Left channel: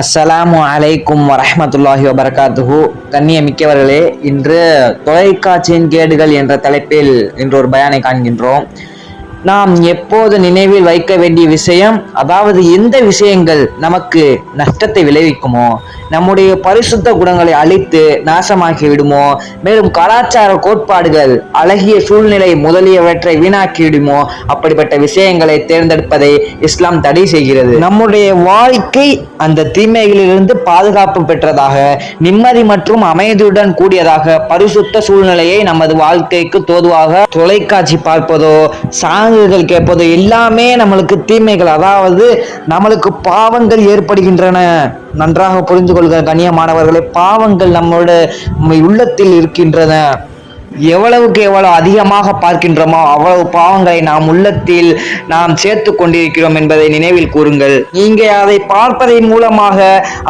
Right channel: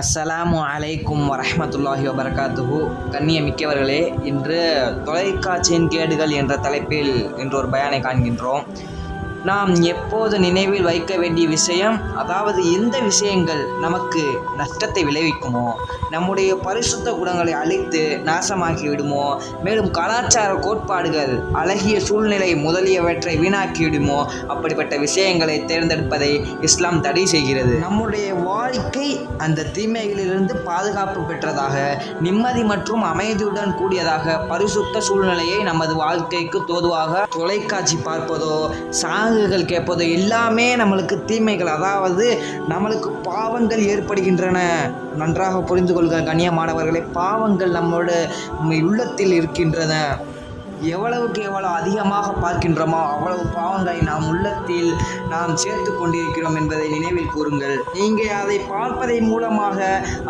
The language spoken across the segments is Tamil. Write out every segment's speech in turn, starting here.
அஸ்ஸலாமு அலைக்கும் வரஹ்மத்துல்லாஹி வபரகாத்துஹு. கண்ணியமிக்கவர்களே, இன்று தொலைக்காட்சியின் கேடுகள் என்ற தலைப்பில் இன்று ஒரு பயானை காண்கின்றோம். நாம் எப்போது நினைவில் வைக்க வேண்டிய விஷயம், அதாவது எந்த விஷயங்கள் நமக்கு நஷ்டத்தை விளைவிக்குமோ, நம்முடைய பரிசுத்த குணங்களை அழித்து நாசமாக்கி விடுமோ, மேலும் கலாச்சார கோட்பாடுகள், அழகிய சூழ்நிலை முதலியவற்றை வீணாக்கி விடுமோ, அப்படிப்பட்ட விஷயங்களை தேர்ந்தெடுப்பதை இஸ்லாம் தடை செய்கிறது. நம்முடைய வாழ்க்கை அந்த தீமைகளிலிருந்து பாதுகாப்பு பெற்றதாக, நிம்மதி மற்றும் அமைதியுடன் கூடியதாக, பரிசுத்த சூழ்நிலையை நமது வாழ்க்கைக்கு தோதுவாக தொலைக்காட்சி பார்ப்பதோ சாங்குகள் கேட்பதோ எல்லாமே நம்மளுக்கு தீமைகள், அதாவது நம்மளுக்கு பாவங்கள் ஏற்படுகின்றன. நன்றாக புரிந்து கொள்கிற கண்ணியமானவர்களே, பாவங்கள் நம்முடைய உள்ளத்தில் இருக்கின்றன. எவ்வளவுக்கு எவ்வளவு அதிகமாக பார்க்கின்றோமோ அவ்வளவு பாவங்களை நாம் உள்ளத்தில் நாம் சேர்த்து கொண்டிருக்கிறோம் என்பதை நினைவில் கூறுங்கள். நீங்க அதை பார்ப்பதன் மூலமாக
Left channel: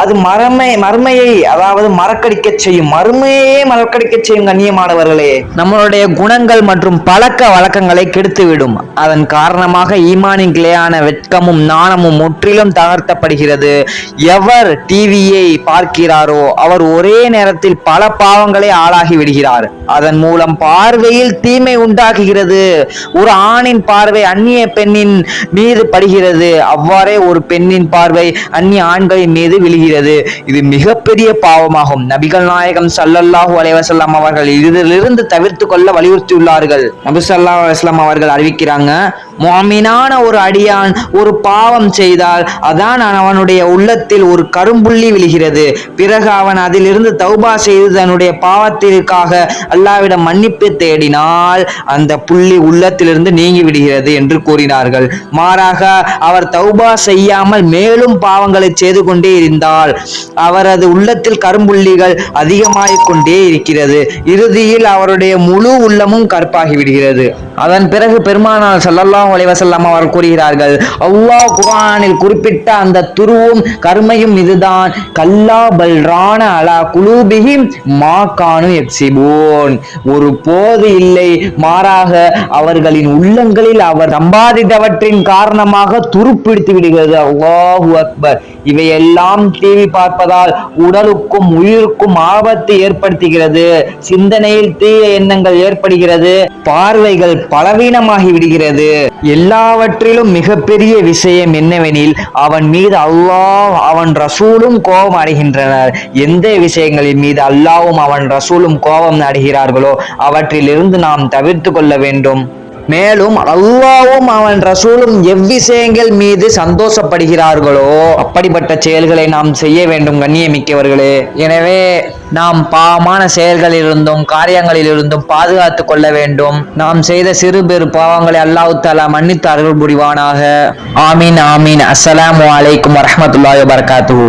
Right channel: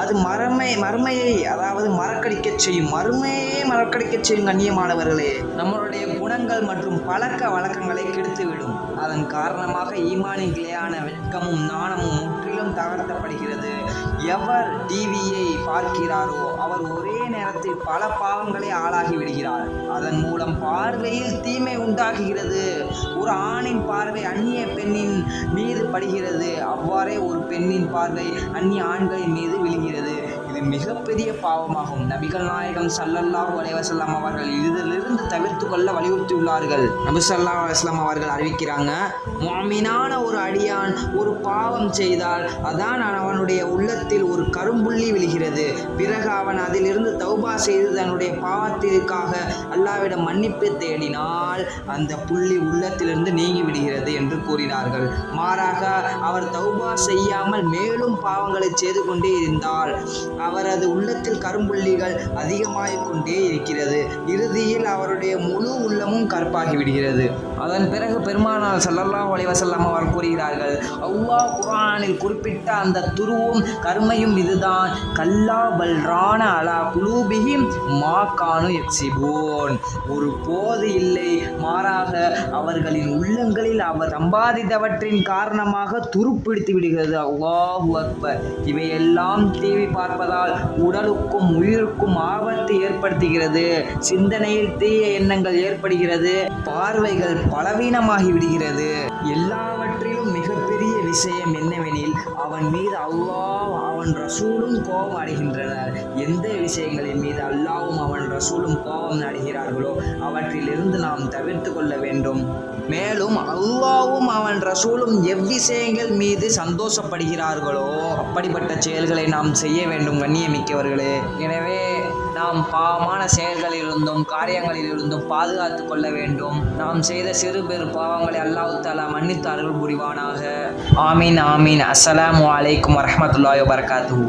அது மறுமையை அதாவது மறக்கடிக்க செய்யும், மறுமையே மறக்கடிக்க செய்யும். கண்ணியமானவர்களே, நம்மளுடைய குணங்கள் மற்றும் பழக்க வழக்கங்களை கெடுத்துவிடும். அதன் காரணமாக ஈமானின் கிளையான வெட்கமும் நாணமும் முற்றிலும் தகர்த்தப்படுகிறது. எவர் டிவியை பார்க்கிறாரோ அவர் ஒரே நேரத்தில் பல பாவங்களை ஆளாகி விடுகிறார். அதன் மூலம் பார்வையில் தீமை உண்டாகுகிறது. ஒரு ஆணின் பார்வை அந்நிய பெண்ணின் மீது படுகிறது, அவ்வாறே ஒரு பெண்ணின் பார்வை அந்நிய ஆண்களின் மீது விழுகிறது. இது மிகப்பெரிய பாவமாகும். நபிகள் நாயகம் ஸல்லல்லாஹு அலைஹி வஸல்லம் அவர்கள் இதிலிருந்து தவிர்த்து கொள்ள வலியுறுத்தியுள்ளார்கள். நபி ஸல்லல்லாஹு அலைஹி வஸல்லம் அவர்கள் அறிவிக்கிறாங்க, முஅமினான ஒரு அடியான் ஒரு பாவம் செய்தால் அதான் அவனுடைய உள்ளத்தில் ஒரு கரும்புள்ளி விழுகிறது. பிறகு அவன் அதிலிருந்து தௌபா செய்து தன்னுடைய பாவத்திற்காக அல்லாஹ்விடம் மன்னிப்பு தேடினால் அந்த புள்ளி உள்ளத்திலிருந்து நீங்கி விடுகிறது என்று கூறினார்கள். மாறாக அவர் தௌபா செய்யாமல் மேலும் பாவங்களை செய்து கொண்டே இருந்தால் அவரது உள்ளத்தில் கரும்புள்ளிகள் அதிகமாகிக் கொண்டே இருக்கிறது. இறுதியில் அவருடைய முழு உள்ளமும் கற்பாகி விடுகிறது. அதன் பிறகு பெருமானார் ஸல்லல்லாஹு அலைஹி வஸல்லம் அவர்கள் கூறுகிறார்கள், அல்லாஹ் குர்ஆனில் குறிப்பிட்ட அந்த துருவும் கருமையும் இதுதான், கல்லா பல் ரான அலா குலூபிஹிம் மா கானு யக்ஸிபூன். ஒரு போது இல்லை, மாறாக அவர்களின் உள்ளங்களில் அவர் சம்பாதித்தவற்றின் காரணமாக துருப்பிடித்து விடுகிறது. அல்லாஹு அக்பர். இவையெல்லாம் டிவி பார்ப்பதால் உடலுக்கும் உயிருக்கும் ஆபத்து ஏற்படுத்துகிறது. சிந்தனையில் தீய எண்ணங்கள் ஏற்படுகிறது. பார்வைகள் பலவீனமாகி விடுகிறது. எல்லாவற்றிலும் மிகப்பெரிய விஷயம் என்னவெனில், அவன் மீது அல்லாஹ் அவன் ரசூலும் கோபம் அடைகின்றனர். எந்த விஷயங்களின் மீது அல்லாஹ்வும் அவன் ரசூலும் கோபம் அடைகிறார்களோ அவற்றிலிருந்து நாம் தவிர்த்து கொள்ள வேண்டும். மேலும் அல்லாஹ்வும் அவன் ரசூலும் எவ்விஷயங்கள் மீது சந்தோஷப்படுகிறார்களோ அப்படிப்பட்ட செயல்களை நாம் செய்ய வேண்டும். கண்ணியமிக்கவர்களே, எனவே நாம் பாவமான செயல்களிலிருந்தும் காரியங்களிலிருந்தும் பாதுகாத்து கொள்ள வேண்டும். நாம் செய்த சிறு பெரு பாவங்களை அல்லாஹ் தஆலா மன்னித்து அருள் புரிவானாக. ஆமீன் ஆமீன். அஸ்ஸலாமு அலைக்கும் வரஹ்மத்துல்லாஹி வபரகாத்துஹு.